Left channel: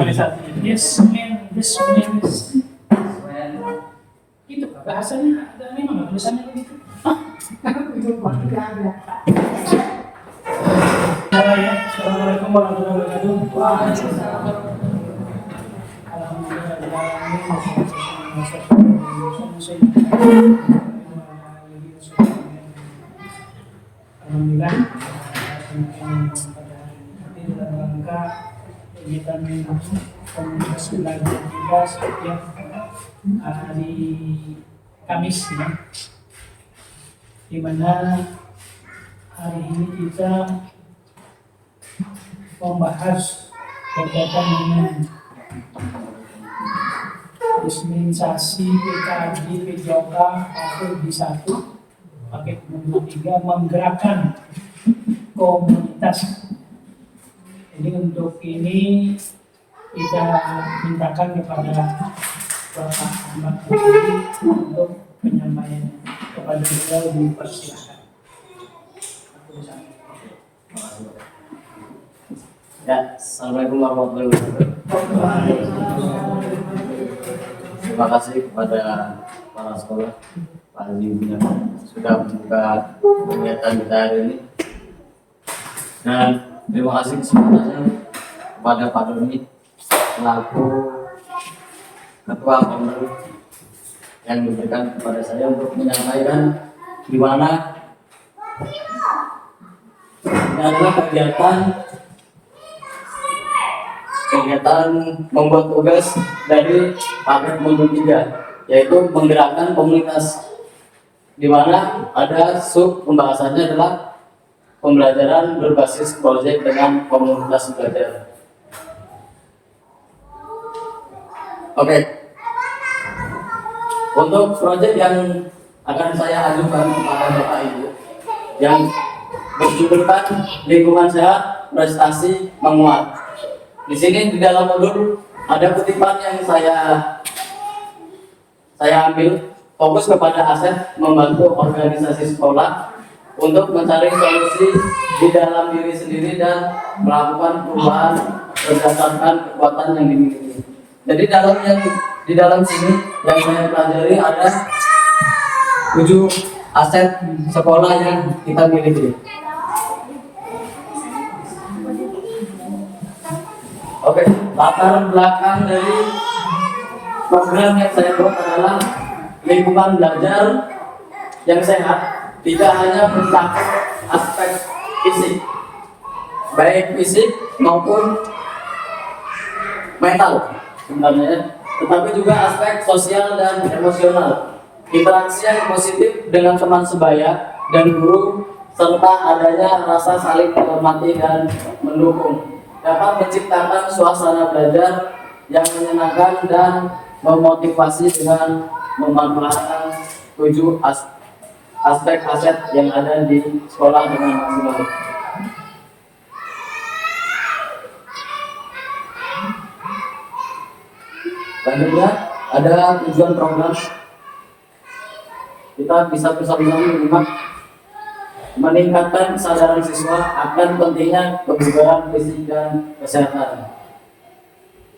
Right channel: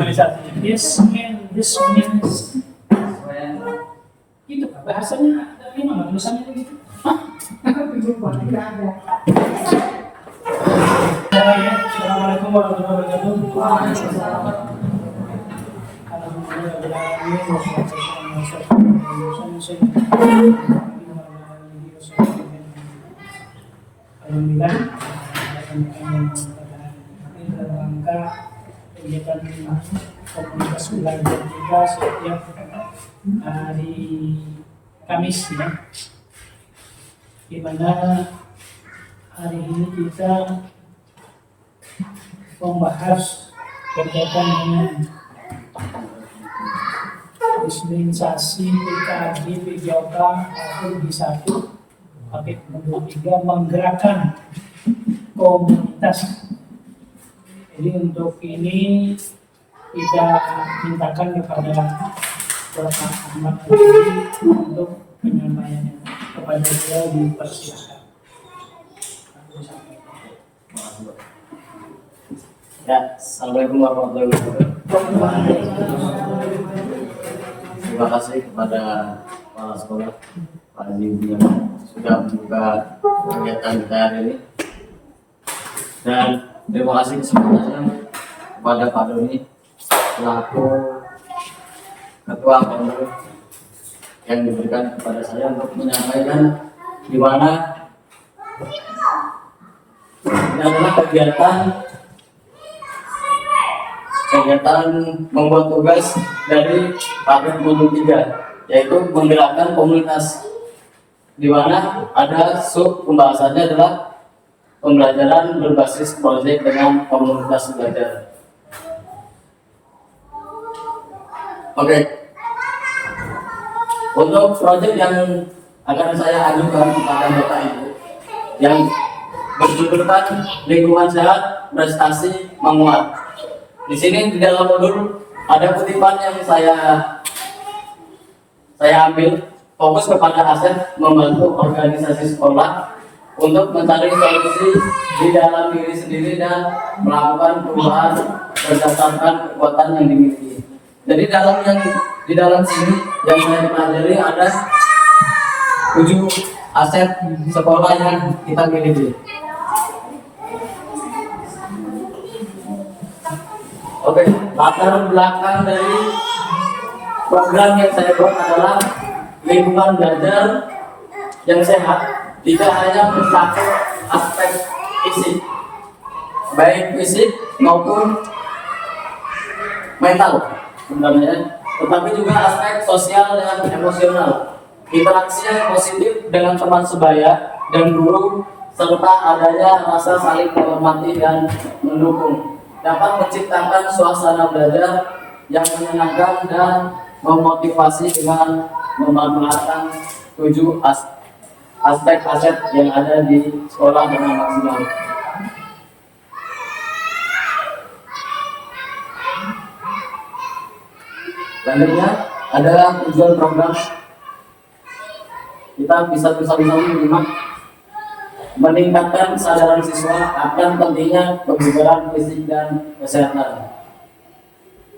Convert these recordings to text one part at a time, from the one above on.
Tulisannya this man. Itu bahasanya ada memang tulisannya begitu. Ya, Assalamualaikum warahmatullahi wabarakatuh. Alhamdulillah, dalam rangka kegiatan komunitas belajar kita setiap hari Kamis ya, di mana hari ini kita membahas berkaitan dengan dispensasi PKD PJOK atau D1 paket nomor 3 menggerakkan komunitas. Jadi untuk ini kita mintakan kepada Bapak Ahmad untuk penyampaiannya, kepada beliau dipersilakan. Ya, Assalamualaikum warahmatullahi wabarakatuh. Terima kasih kepada kepala sekolah Pak Haji yang sudah membuka kegiatan kita hari ini. Dan terima kasih kesempatannya kepada Pak Doni selaku Ketua Pengurus yang diberikan kepada saya untuk menyampaikan di mana ini adalah kegiatan membuat tugas dari paket modul 3, yaitu menggerakkan komunitas, di mana ada sub pembahasannya adalah pembelajaran berbasis proyek dengan komunitas belajar. Oke. Untuk proyek yang akan saya ajukan kepada Bapak Ibu yang berjudulkan lingkungan sehat prestasi menguat. Di sini di dalam modul ada kutipan yang saya ambil, fokus kepada aset membantu organisasi sekolah untuk mencari solusi di dalam diri sendiri dan melakukan perubahan berdasarkan kekuatan yang dimiliki. Jadi di dalam sini yang saya pelajari ada 7 aset sekolah yang kita miliki. Oke, latar belakang dari program yang saya buat adalah lingkungan belajar yang sehat, tidak hanya mencakup aspek fisik, baik fisik maupun mental sebenarnya, tetapi juga aspek sosial dan emosional, interaksi yang positif dengan teman sebaya dan guru, serta adanya rasa saling menghormati dan mendukung, dapat menciptakan suasana belajar yang menyenangkan dan memotivasi dengan memanfaatkan 7 aspek aset yang ada di sekolah dengan maksimal. Selanjutnya adalah tujuan program. Kita bisa menyimak meningkatkan kesadaran siswa akan pentingnya kebugaran fisik dan kesehatan.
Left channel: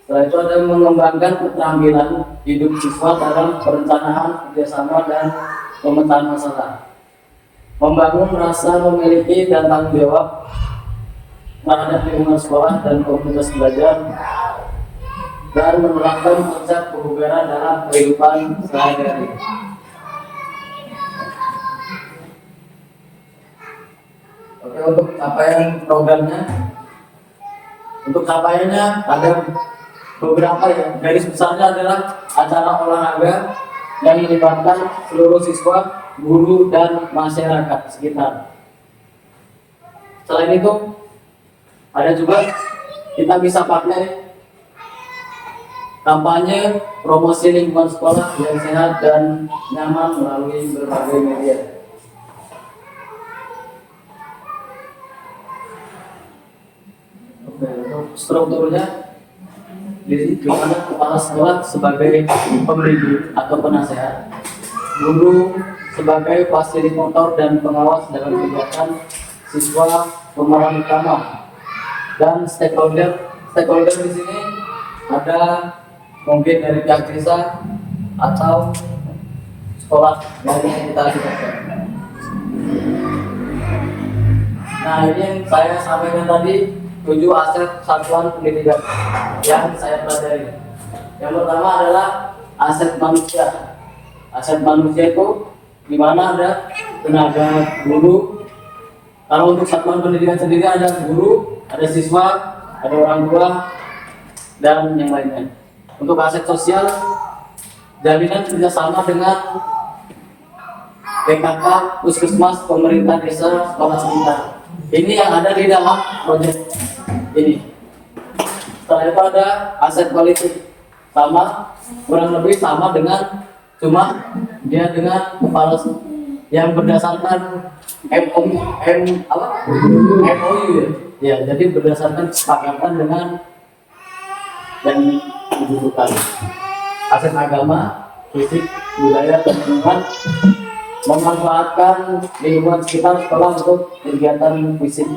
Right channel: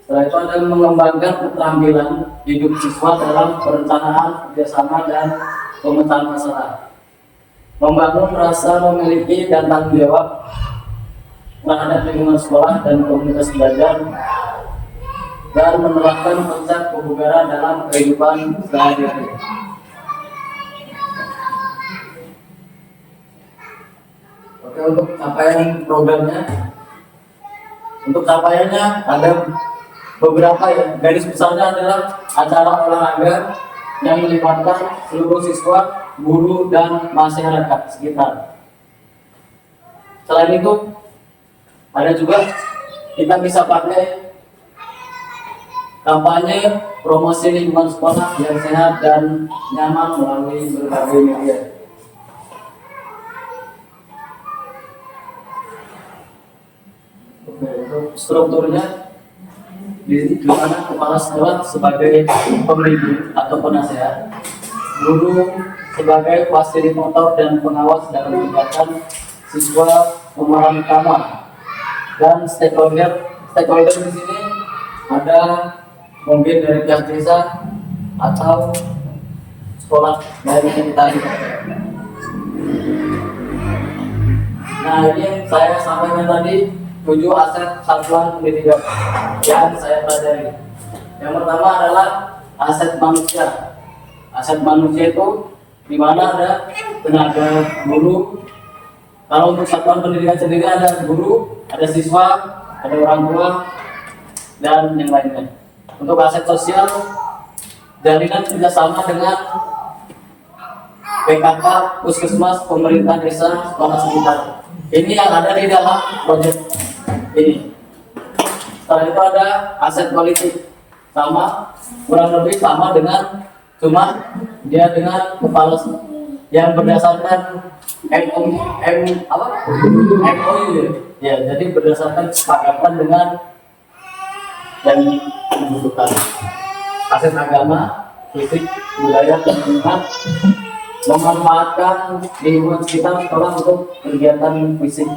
Setelah itu ada mengembangkan keterampilan hidup siswa dalam perencanaan, kerjasama, dan pemecahan masalah. Membangun rasa memiliki dan tanggung jawab terhadap lingkungan sekolah dan komunitas belajar, dan menerapkan konsep kebugaran dalam kehidupan sehari-hari. Oke, untuk capaian programnya, untuk capaiannya ada beberapa ya. Garis besarnya adalah acara olahraga yang melibatkan seluruh siswa, guru, dan masyarakat sekitar. Selain itu, ada juga kita bisa pakai kampanye promosi lingkungan sekolah yang sehat dan nyaman melalui berbagai media. Untuk strukturnya, di mana kepala sekolah sebagai pembimbing atau penasehat, guru sebagai fasilitator dan pengawas dalam kegiatan siswa, pemeran utama, dan stakeholder di sini ada mungkin dari pihak desa atau sekolah dari yang kita libatkan. Nah, ini yang saya sampaikan tadi 7 aset satuan pendidikan yang saya pelajari. Yang pertama adalah aset manusia. Aset manusia itu di mana ada tenaga guru. Kalau untuk satuan pendidikan sendiri ada guru, ada siswa, ada orang tua, dan yang lainnya. Untuk aset sosial, jalinan kerjasama dengan PKK, puskesmas, pemerintah desa, sekolah sekitar. Ini yang ada di dalam proyek ini. Setelah itu ada aset politik, sama kurang lebih sama dengan, cuma dia dengan kepala yang berdasarkan MOU ya, jadi berdasarkan kesepakatan dengan yang dibutuhkan. Aset agama, fisik, budaya, dan lingkungan, memanfaatkan lingkungan sekitar sekolah untuk kegiatan fisik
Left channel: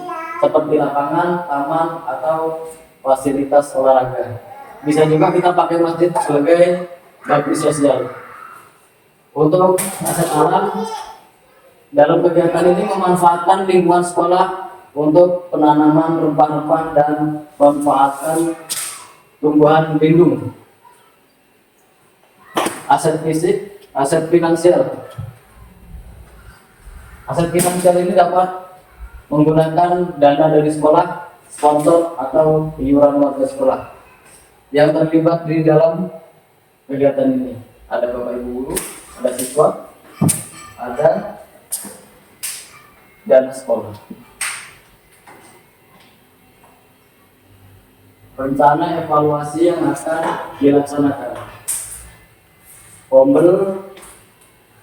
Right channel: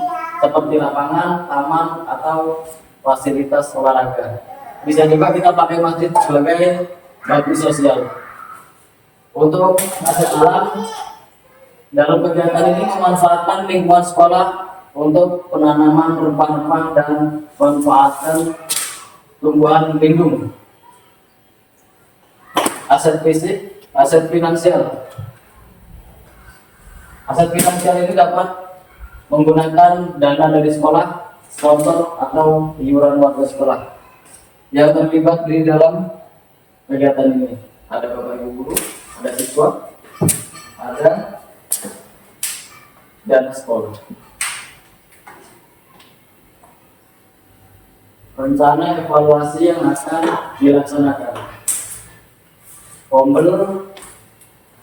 seperti lapangan, taman, atau fasilitas olahraga. Bisa juga kita pakai masjid sebagai bakti sosial. Untuk aset alam, dalam kegiatan ini memanfaatkan lingkungan sekolah untuk penanaman rempah-rempah dan memanfaatkan tumbuhan lindung. Aset fisik, aset finansial. Aset finansial ini dapat menggunakan dana dari sekolah, sponsor, atau iuran warga sekolah yang terlibat di dalam kegiatan ini. Ada bapak ibu guru, ada siswa, ada dana sekolah. Rencana evaluasi yang akan dilaksanakan. Pombel,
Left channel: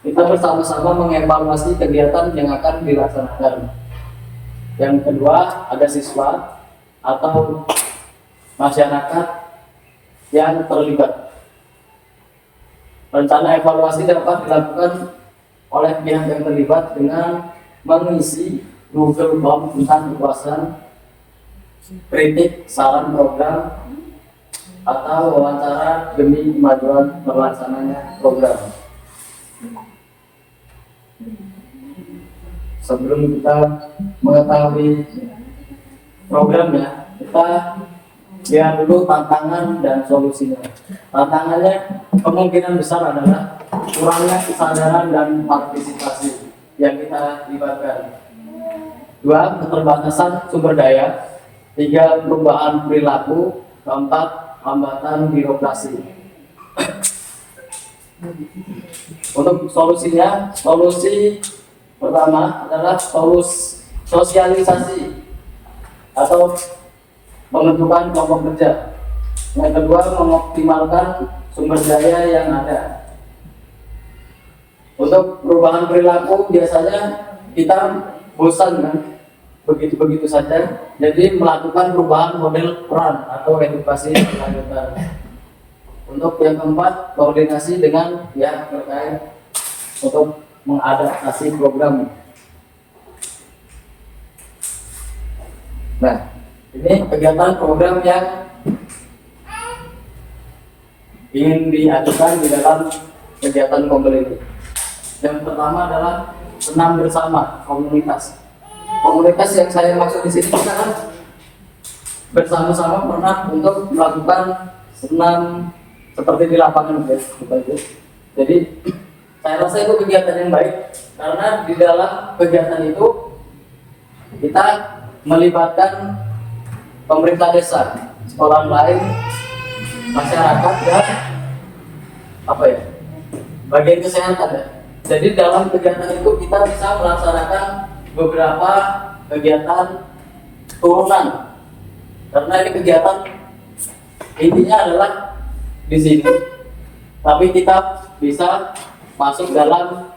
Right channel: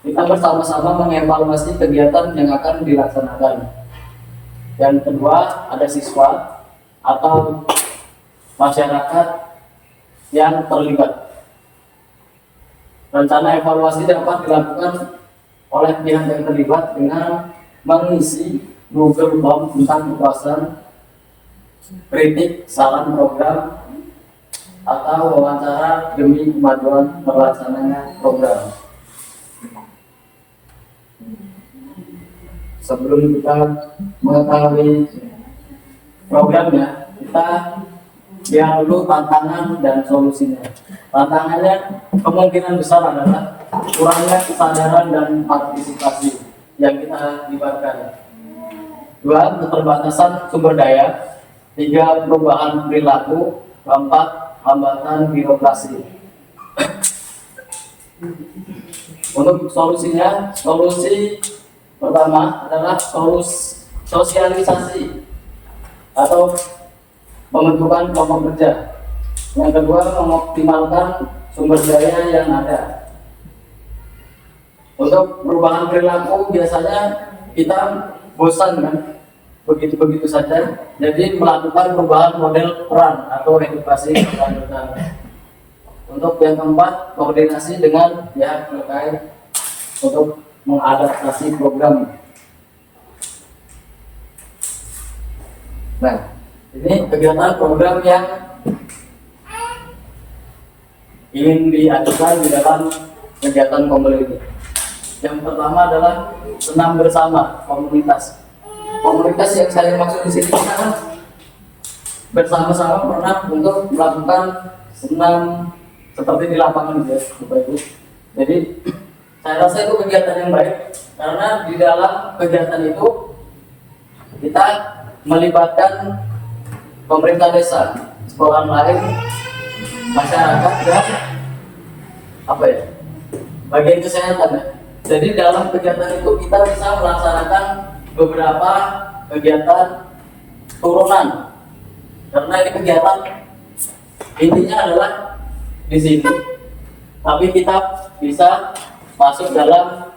kita bersama-sama mengevaluasi kegiatan yang akan dilaksanakan. Yang kedua, ada siswa atau masyarakat yang terlibat. Rencana evaluasi dapat dilakukan oleh pihak yang terlibat dengan mengisi Google Form tentang kepuasan, kritik, saran program, atau wawancara demi kemajuan terlaksananya program. Sebelum kita mengetahui programnya, kita lihat dulu tantangan dan solusinya. Tantangannya kemungkinan besar adalah kurangnya kesadaran dan partisipasi yang kita libatkan. 2. Keterbatasan sumber daya. 3. Perubahan perilaku. 4. Hambatan birokrasi. Untuk solusinya, solusi pertama adalah sosialisasi atau pembentukan kelompok kerja. Yang kedua, mengoptimalkan sumber daya yang ada. Untuk perubahan perilaku, biasanya kita bosan kan, begitu-begitu saja. Jadi melakukan perubahan model peran atau edukasi berkelanjutan. Untuk yang keempat, koordinasi dengan pihak terkait untuk mengadaptasi program. Nah, ini kegiatan program yang ingin diajukan di dalam kegiatan Pombel ini. Yang pertama adalah senam bersama komunitas. Komunitas yang saya maksud di sini adalah bersama-sama pernah untuk melakukan senam seperti di lapangan ya, Bapak Ibu. Jadi saya rasa itu kegiatan yang baik karena di dalam kegiatan itu kita melibatkan pemerintah desa, sekolah lain, masyarakat, dan bagian kesehatan ya. Jadi dalam kegiatan itu kita bisa melaksanakan beberapa kegiatan turunan karena ini kegiatan intinya adalah di sini, tapi kita bisa masuk dalam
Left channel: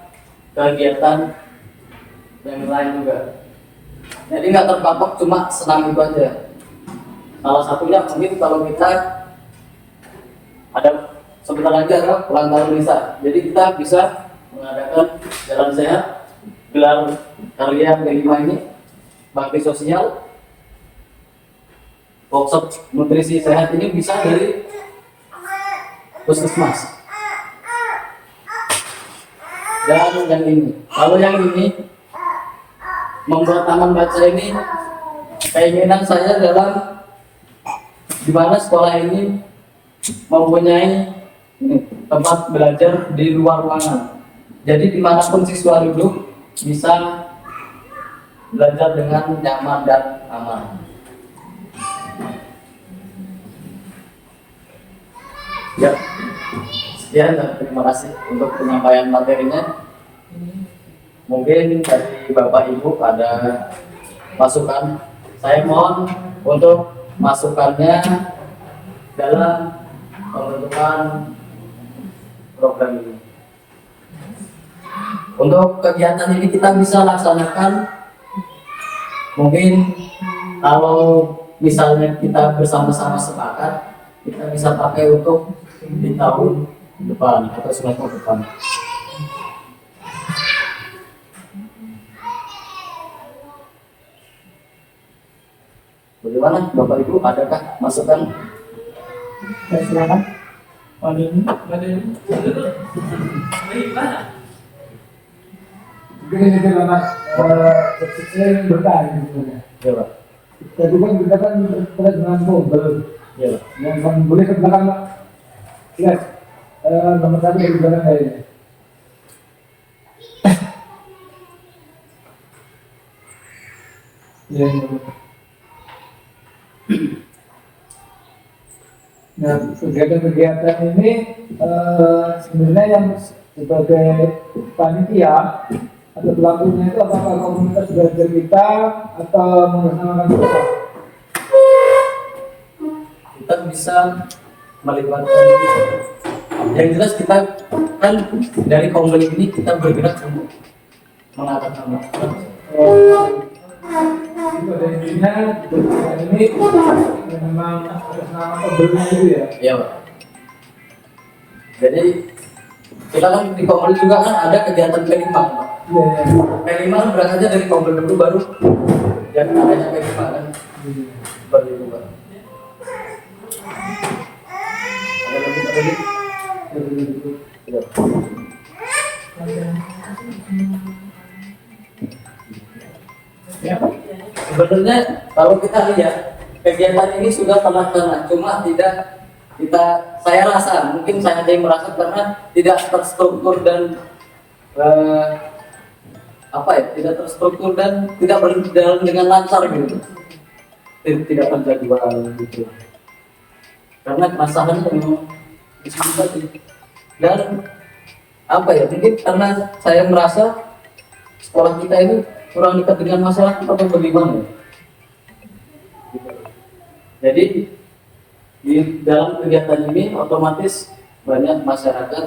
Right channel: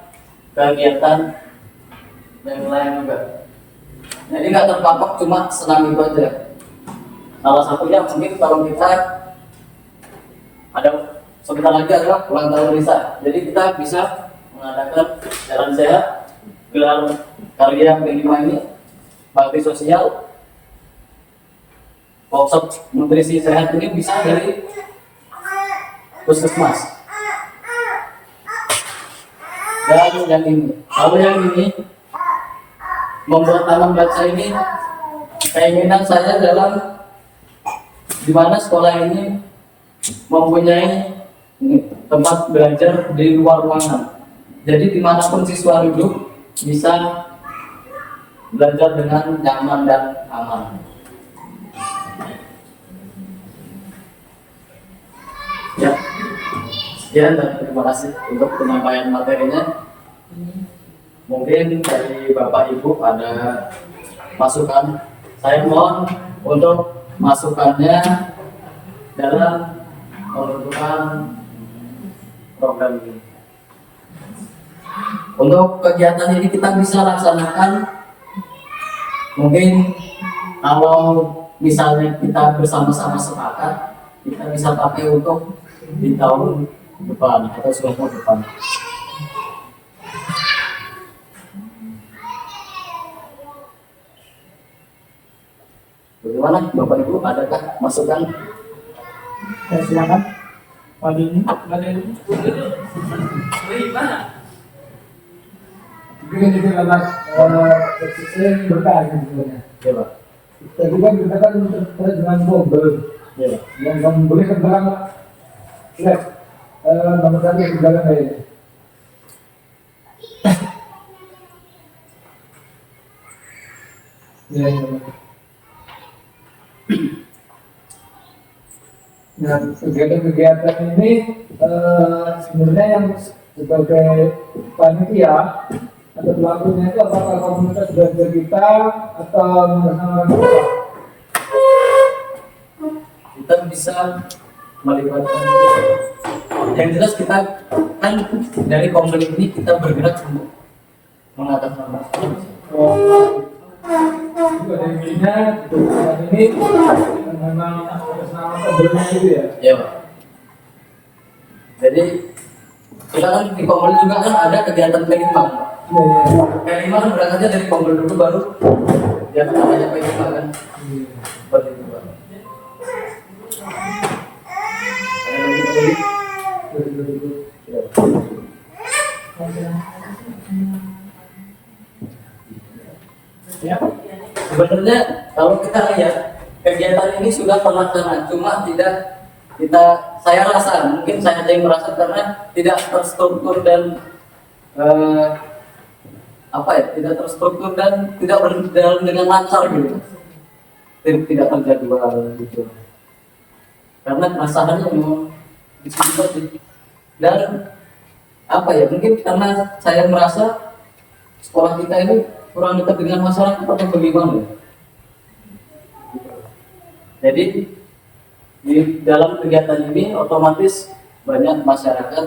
kegiatan yang lain juga. Jadi nggak terpatok cuma senam itu aja. Salah satunya mungkin kalau kita ada sebentar lagi adalah ulang tahun desa, jadi kita bisa mengadakan jalan sehat, gelar karya kelima ini, bakti sosial, workshop nutrisi sehat ini bisa dari puskesmas. Dan yang ini, kalau yang ini membuat taman baca ini keinginan saya dalam di mana sekolah ini mempunyai tempat belajar di luar ruangan. Jadi dimanapun siswa duduk bisa belajar dengan nyaman dan aman. Ya, sekian dan terima kasih untuk penyampaian materinya. Mungkin dari Bapak Ibu ada masukan. Saya mohon untuk masukannya dalam pembentukan program ini. Untuk kegiatan ini kita bisa laksanakan mungkin kalau misalnya kita bersama-sama sepakat, kita bisa pakai untuk di tahun depan atau semester depan. Bagaimana Bapak Ibu, adakah masukan? Saya silakan. Pak ini. Begini juga mas, saya bertanya sebenarnya. Ya Pak. Tadi kan kita kan terkait dengan gombel, Ya Pak. yang boleh ke belakang Pak. Lihat, nomor satu yang di belakang saya ini. Ya, nah, kegiatan-kegiatan ini sebenarnya yang sebagai panitia atau pelakunya itu apakah komunitas belajar kita atau mengesanakan kita? Kita bisa melibatkan yang jelas kita kan dari komunitas ini kita bergerak untuk mengangkat nama. Itu ada intinya kegiatan ini memang atas nama pembeli itu ya. Ya Pak. Jadi kita kan di komunitas juga kan ada kegiatan kelima. Iya, iya. Kelima kan berasanya dari komunitas dulu baru yang namanya kelima kan. Seperti itu Pak. Ada lagi? Ya. Ya. Sebenarnya kalau kita lihat kegiatan ini sudah terlaksana, cuma tidak saya rasa mungkin saya ada yang merasa karena tidak terstruktur dan tidak terstruktur dan tidak berjalan dengan lancar gitu, tidak terjadi gitu. Karena masalahnya memang seperti dan mungkin karena saya merasa sekolah kita ini kurang dekat dengan masyarakat atau bagaimana. Jadi di dalam kegiatan ini otomatis banyak masyarakat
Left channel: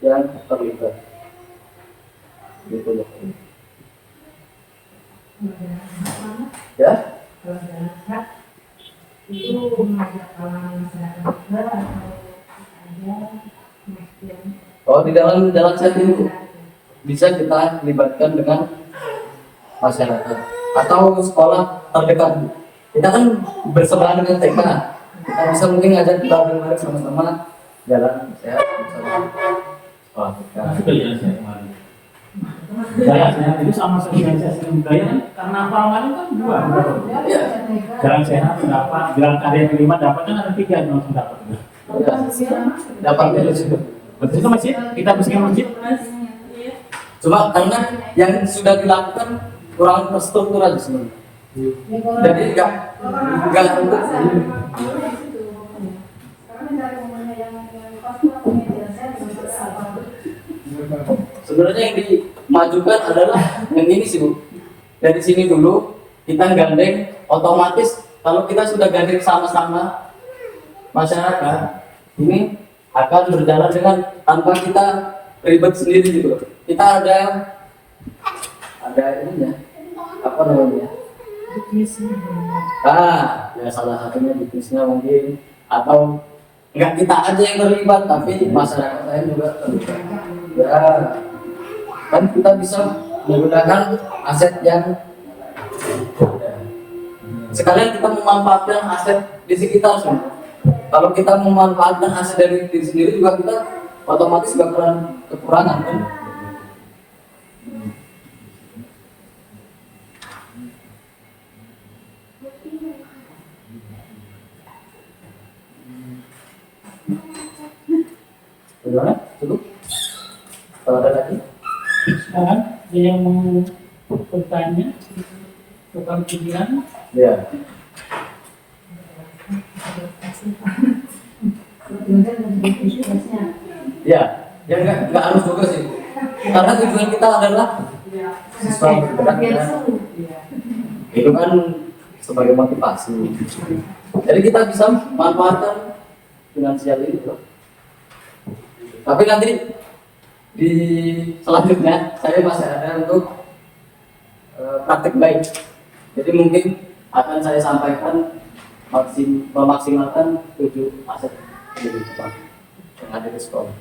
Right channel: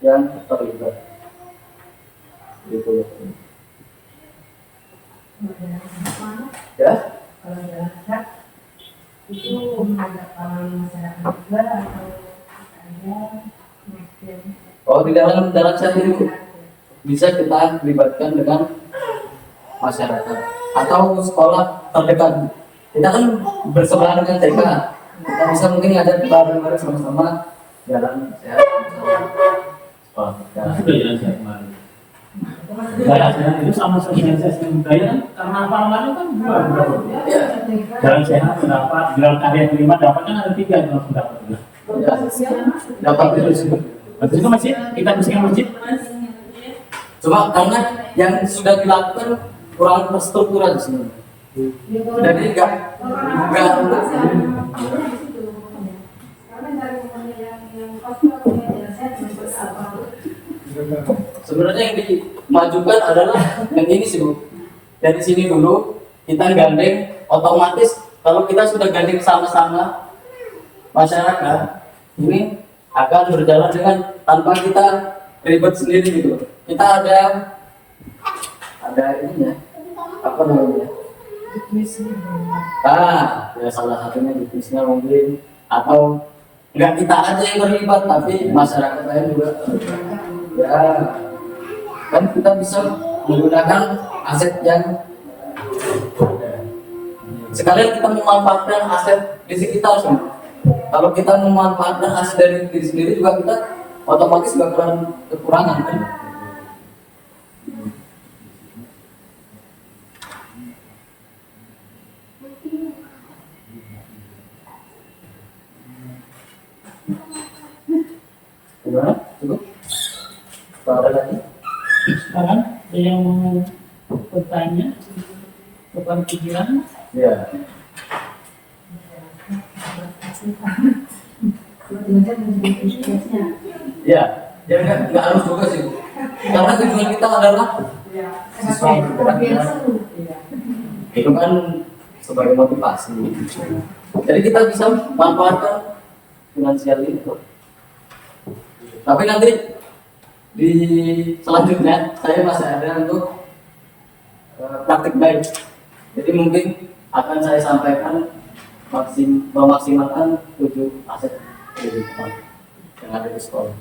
yang terlibat. Gitu ya. Ya? Itu mengajak masyarakat juga atau ada Oh, di dalam chat itu bisa kita libatkan dengan masyarakat atau sekolah terdekat. Kita kan bersebelahan dengan TK. Kita bisa mungkin ngajak kita bareng sama-sama jalan sehat sekolah TK. Jalan sehat itu sama sosialisasi budaya karena apa kan dua. Iya. Jalan sehat berapa, jalan karya kelima dapatnya ada 3 yang harus dapat. Dapat itu sih. Betul itu masjid, kita bersihkan masjid. Cuma karena yang sudah dilakukan kurang terstruktur aja sebenarnya. Jadi nggak untuk sebenarnya yang dimajukan adalah yang ini sih Bu. Dari sini dulu kita gandeng, otomatis kalau kita sudah gandeng sama-sama masyarakat ini akan berjalan dengan tanpa kita ribet sendiri gitu. Kita ada ininya apa namanya? Ya salah satunya bisnisnya mungkin atau nggak kita aja yang terlibat tapi masyarakat lain juga terlibat. Ya, kan kita bisa menggunakan aset yang ada. Sekalian kita memanfaatkan aset di sekitar semua. Kalau kita memanfaatkan hasil dari diri sendiri juga kita otomatis bakalan kekurangan kan. Udah, cukup. Kalau ada lagi? Sekarang ada yang mau bertanya, tukar pikiran. Ya. Ya, ya nggak harus juga sih. Karena tujuan kita adalah siswa bergerak. Itu kan sebagai motivasi. Jadi kita bisa manfaatkan finansial ini tuh. Tapi nanti di selanjutnya saya masih ada untuk praktik baik. Jadi mungkin akan saya sampaikan memaksimalkan 7 aset kehidupan yang ada di sekolah.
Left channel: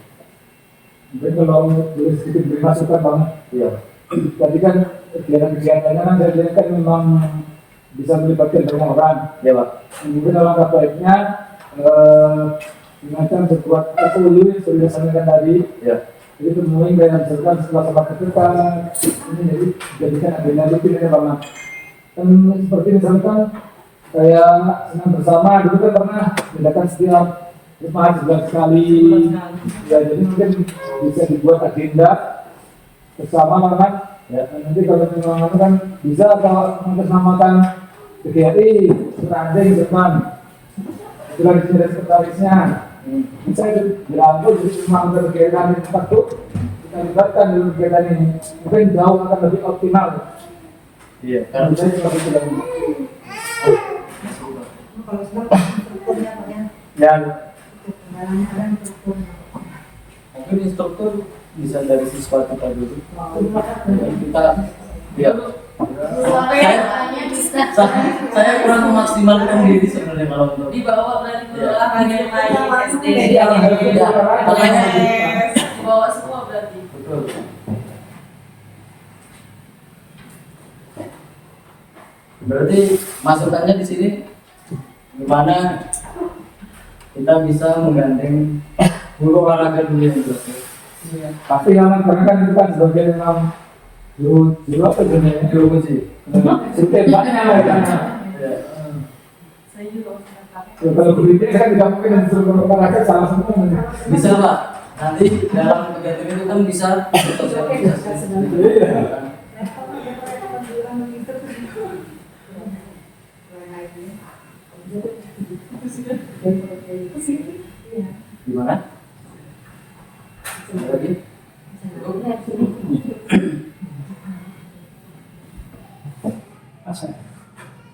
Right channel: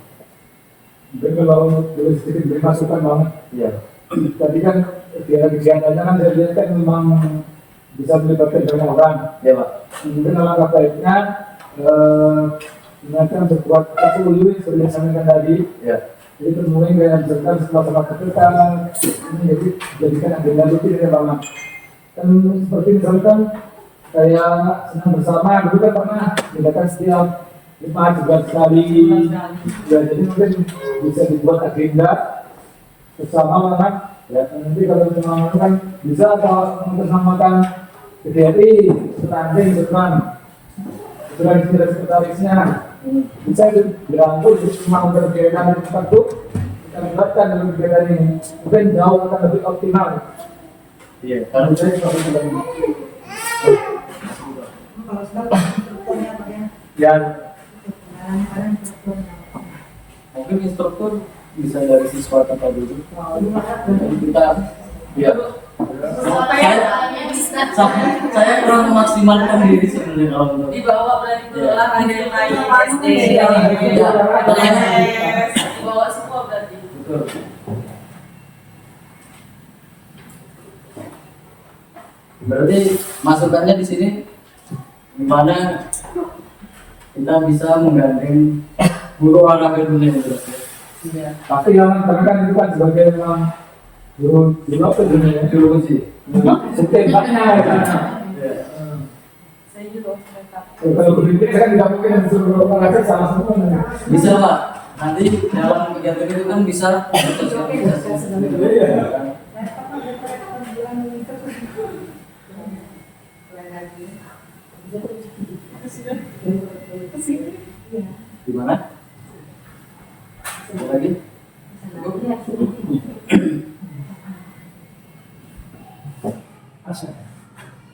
Mungkin kalau boleh sedikit beri masukan Bang. Iya. Tadi kan kegiatan-kegiatannya kan saya lihat kan memang bisa melibatkan banyak orang. Ya Pak. Mungkin alangkah baiknya ingatkan sekuat itu sudah disampaikan tadi. Ya. Jadi kemudian dengan berdasarkan sama-sama ketika ini jadi jadikan agenda rutin ya Bang. Dan seperti misalkan kayak senang bersama dulu kan pernah mendatangi setiap 5 bulan sekali. Ya jadi mungkin bisa dibuat agenda bersama kan. Ya nanti kalau memang kan bisa kalau mengesamakan kegiatan bertanding depan dengan sekretarisnya bisa dirangkul cuma untuk kegiatan yang tertentu kita libatkan dalam kegiatan ini mungkin jauh akan lebih optimal. Iya. Karena saya seperti itu lagi. Dan mungkin instruktur bisa dari siswa kita dulu. Dan kita, ya. Saya kurang memaksimalkan diri sebenarnya kalau untuk Dibawa berarti ke olahraga yang lain SD, dibawa semua berarti. betul. Berarti masukannya di sini gimana kita bisa menggandeng guru olahraga dunia juga. tapi yang karena kan itu kan sebagai memang guru apa dunia Guru kunci. setiap Ya. Saya juga sudah kalau guru itu kan tidak mungkin disuruh olahraga sama semua. Bisa Pak. Nanti dalam kegiatan itu kan bisa bersosialisasi. Iya. Gimana? Ada lagi?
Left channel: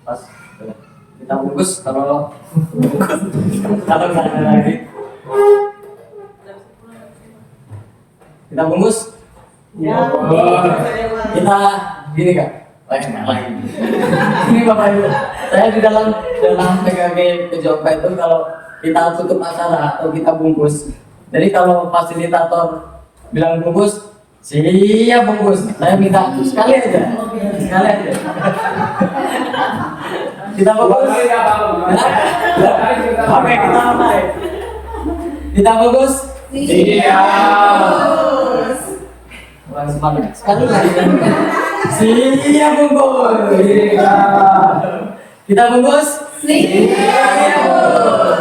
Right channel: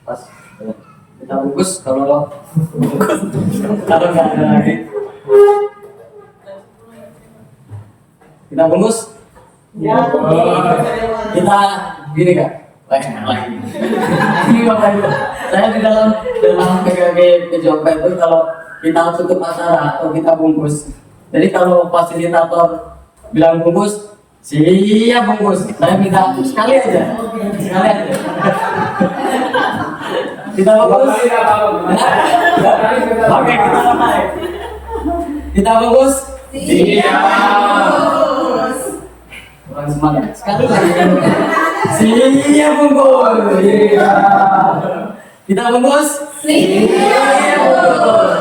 Pas. Kita bungkus kalau nggak ada lagi. Kita bungkus. Ya. Kita gini Kak. Lagi. Ini Bapak Ibu. Saya di dalam PKG PJOK itu kalau kita tutup acara atau kita bungkus. Jadi kalau fasilitator bilang bungkus, siap bungkus. Saya minta sekali aja. Kita bungkus. Oke, kita mulai. Kita bungkus. Siap. Kurang semangat. Sekali lagi. Siap bungkus. Kita bungkus. Siap bungkus.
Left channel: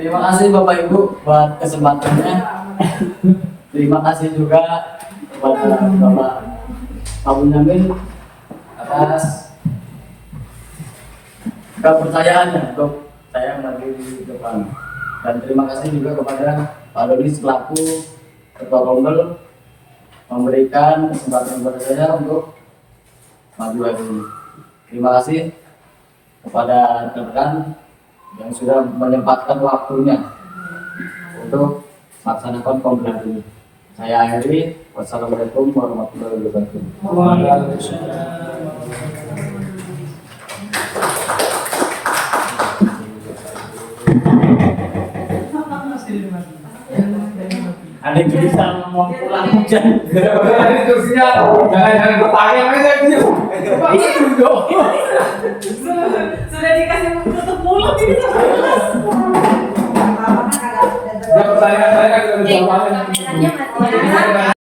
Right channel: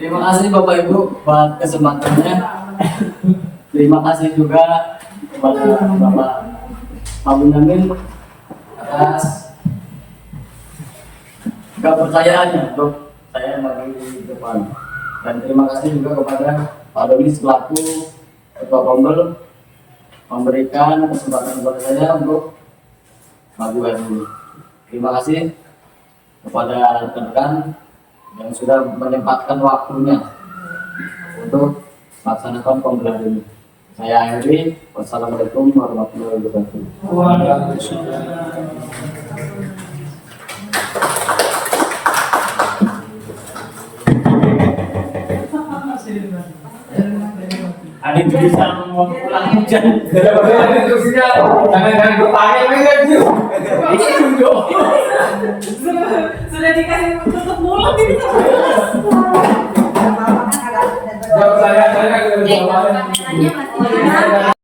Terima kasih Bapak Ibu buat kesempatannya. Terima kasih juga kepada Bapak Abu Namin atas kepercayaannya untuk saya maju di depan. Dan terima kasih juga kepada Pak Doni selaku Ketua Kombel memberikan kesempatan kepada saya untuk maju hari ini. Terima kasih kepada rekan yang sudah menyempatkan waktunya untuk melaksanakan kombel hari ini. Saya akhiri. Wassalamualaikum warahmatullahi wabarakatuh. Ada bisa ngomong pulang hujan. Jangan kursinya, jangan bertanya aja gitu. Itu dong. sudah dikasih tutup mulut ini. Kalau saya kan Oke, lebih makanannya masih ada.